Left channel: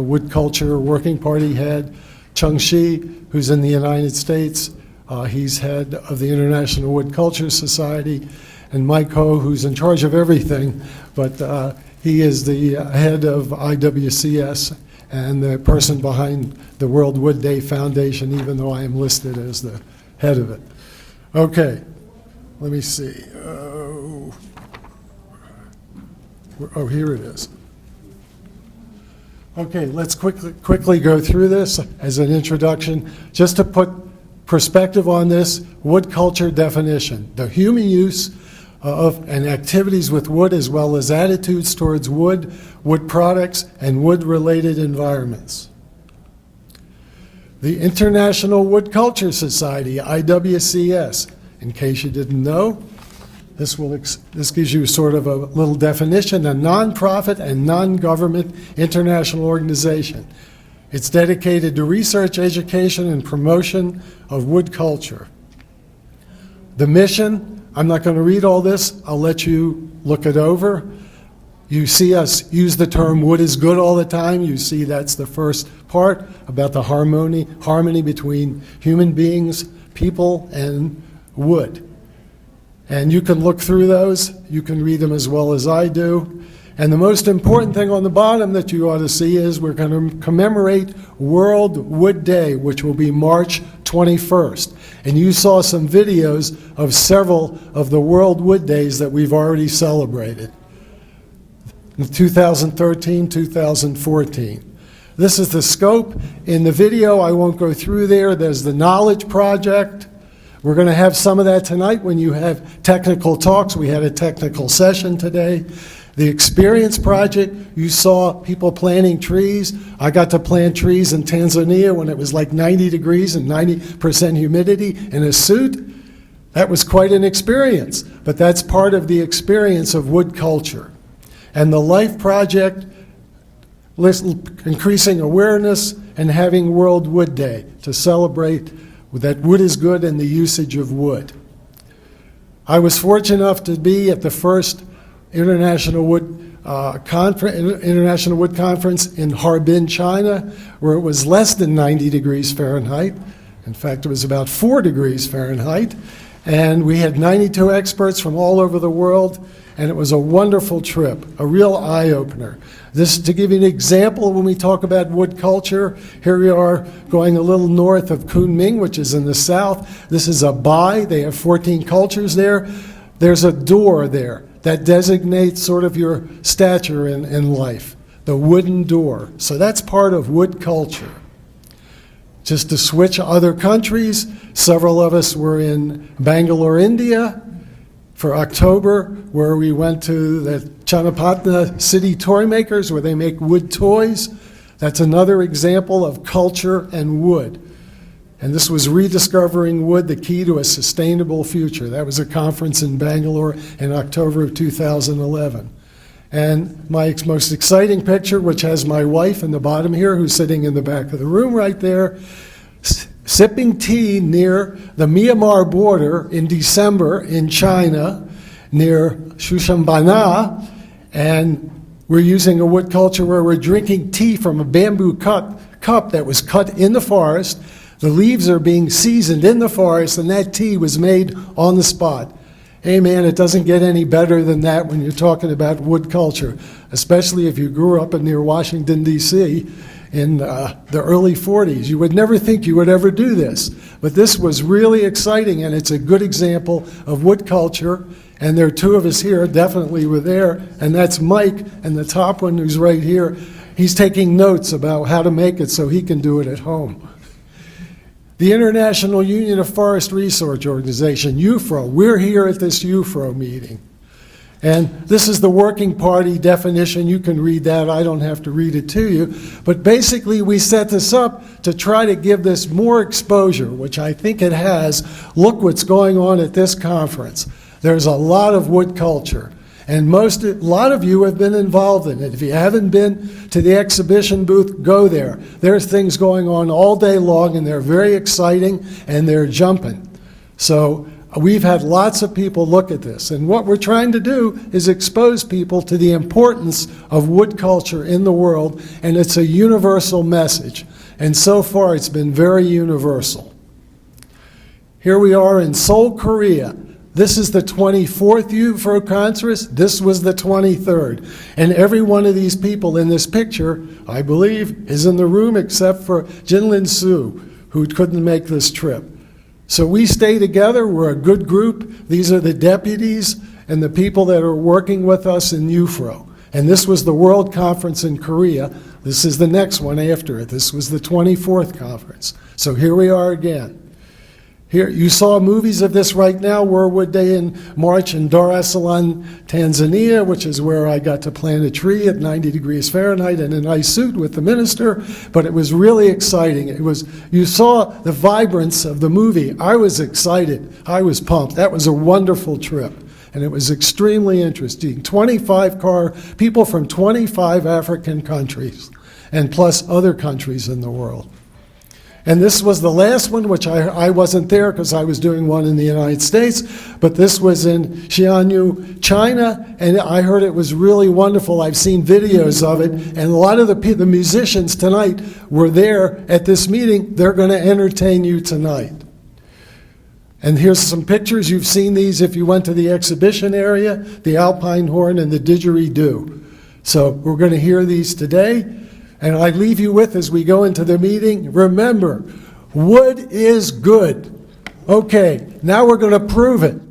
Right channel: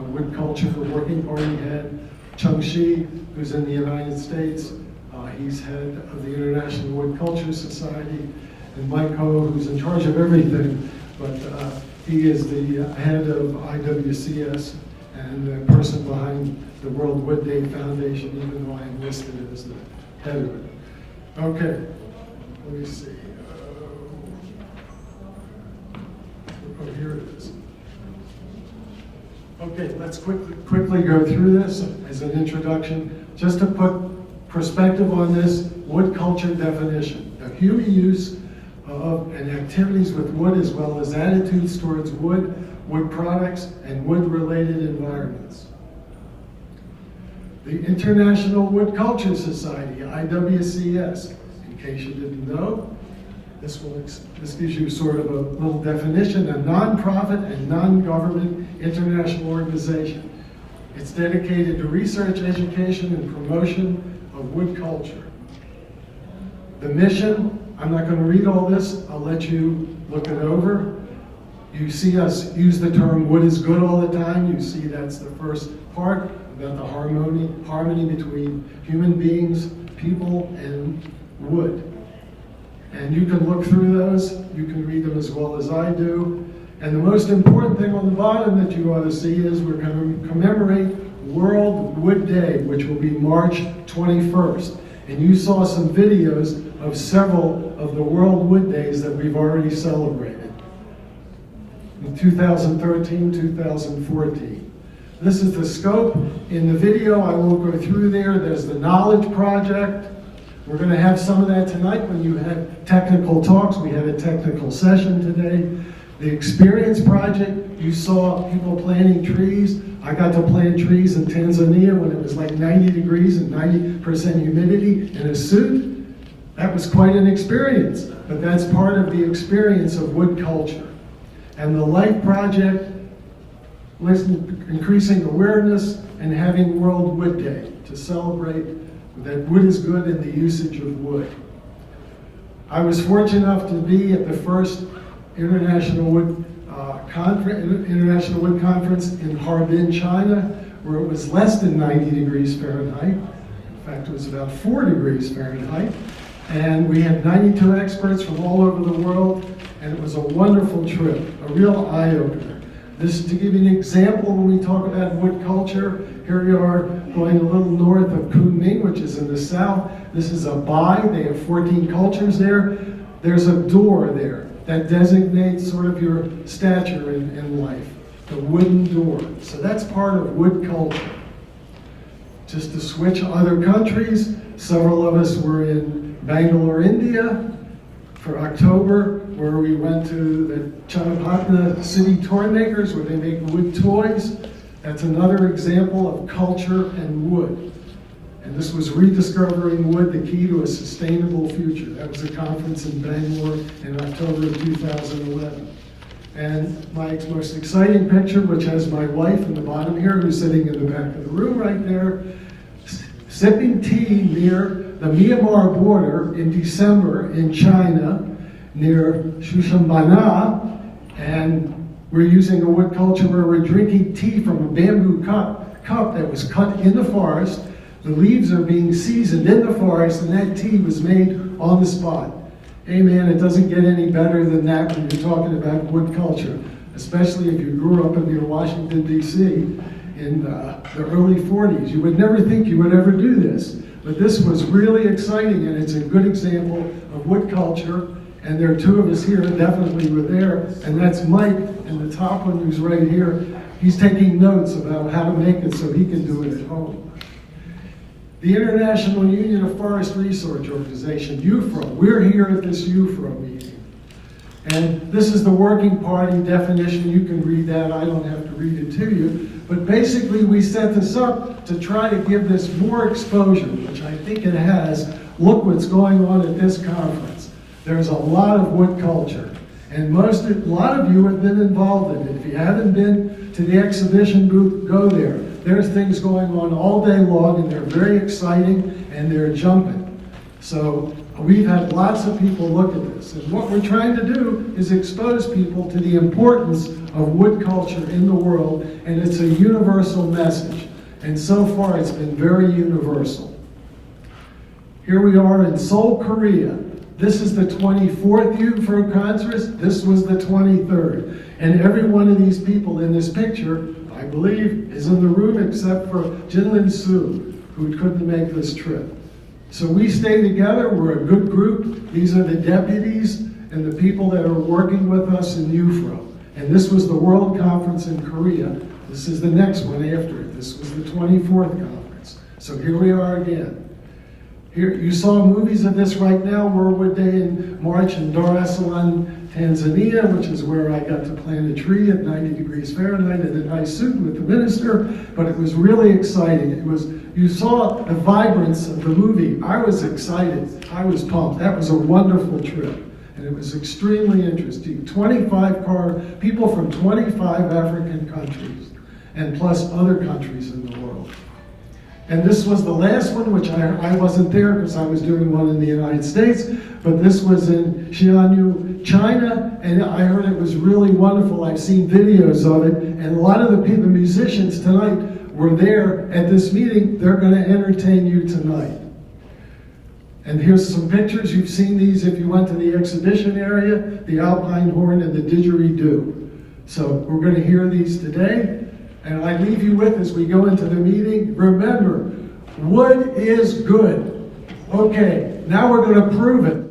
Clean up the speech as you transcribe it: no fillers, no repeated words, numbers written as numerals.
Wood Culture Working Party head, Chung Shi, who's in the United States. He's head of the International Wood Culture Society, and Mike Ho, who's in charge of everything, but he is the head of IWCS and the person behind the World Wood Day Foundation, even though I am listed as the head of it. Okay, let me see. Oh, here it is. Okay, let's quickly go through this as an introduction. Just to put perspective on this, wood culture definition: the human use of and activities with wood, as well as attitudes towards wood, wood products, and wood-related environments. The International Wood Culture Society, IWCS, in case you didn't know, this gives you sort of a little definition: a nonprofit and non-government international organization. It's dedicated to research, education, and promotion of wood culture. The mission, I'm not going to read all this, I'll let you look it over. You see us use the term wood is good all the time. You see that's the first part about the harmony between human beings, people, and wood. And you can look through those. You can read them as well as I do. And the most important thing on the bottom that you ought to see is we're going to commemorate World Wood Day, which will be March 21st. And you saw some videos of several of the World Wood Days that we've already celebrated. In 2013, 2014. This is the scope. In the video, I won't go through there. There's the Knowledge Project. We're going to have some of that tonight when you have technical talks. We had a technical session today. The Experience Project, you saw people planting trees. I got to plant trees in Tanzania when it was like 90 degrees and 90% humidity in a suit. That was quite an experience, but that's part of the experience of wood culture. And the Life Project, increasing awareness and having World Wood Day to celebrate that wood is good and the usage of wood. I was fortunate enough to be at the first International Wood Conference in Harbin, China, where it was less than 90 degrees Fahrenheit. In fact, it was about 4 degrees Fahrenheit. And we had 92 experts from all over the world, and it was a wonderful trip, a real eye-opener. This, to give you an example, when we talk about wood culture, here we are going a little north of Kunming, which is in the south. This is a Bai. They have 14 cultures there. There's a door there that designates sort of your stature in life, the wooden door. So that's part of wood culture. Just to switch other countries, several of us were in Bangalore, India, for October, where we went to the Channapatna City Toy Makers, where they make wood toys. That's another example of culture and wood. And this was Rediscovering Wood, the Key to a Sustainable Future. That was a conference in Bangalore in October of 2011. And my most exciting picture, which has my wife in the bottom here, who's sitting in the back of the room right there, sipping tea near the Myanmar border in December in China, near Shushanbana, and we're using a wood culture where we're drinking tea from a bamboo cup that was cut in the forest. The leaves are being seasoned in the forest, and that tea was made on the spot. Hey man, it doesn't get any better than that when you're talking about wood culture, especially if you grew up near Washington, D.C., in the early 40s. You would never think you would ever do this. But this was really exciting, and it's a good example of wood culture. And there are two of us here, definitely were there, and that's Mike, and the top one who's right here. He's taking notes about how to make it so he can do it at home. The International Union of Forest Research Organization, IUFRO, we're here at this IUFRO meeting. And this is the working party definition. You can read that. I don't have to read it to you. But basically, we set this up to try to give this more exposure, which I think it has. Look what's going on at this conference. There's a lot of wood culture. And a lot of you have been involved in it. If you haven't been to the exhibition booth, go there. There's things going on all day long, and they're very exciting, and they're jumping. So we've had lots of people look at this. And what we're trying to do is expose people to the importance of wood culture in the world, and it's a universal message. And so far, it's been very universal. Here we are in Seoul, Korea. This is the 24th IUFRO conference. This was the 23rd. And every one of these people in this picture, I believe, is in the room except for Jinlin Su, who couldn't make this trip. So we stay together. We're a good group. These are the deputies and the people that are working with us in IUFRO. And this was the World Conference in Korea. This is the next one after it. This was the 24th conference. So here we are again. Here, you saw movies of this right now. We're one day in March in Dar es Salaam, Tanzania, which is where I got to plant a tree at 90 degrees Fahrenheit in a nice suit with the minister. But it was really exciting. You saw the vibrance of the movie. I was excited. I was pumped. That was a wonderful trip. And it was extremely interesting. 25 people from 25 African countries, and plus other countries in the world. And this was the last one, which I wasn't there because I was doing one in the United States, but this was in Xianyou, China, and I heard it was really wonderful. I've seen videos of it, and a lot of the musicians tonight were there at this meeting. They're going to entertain you tonight. And here's some pictures. You've seen these if you went to the exhibition area, the Alpine Horn and the Didgeridoo. So we're going to hear these today. And I leave you with, as we go into the meeting, remember, wood is good. Okay, now we're going to prove it.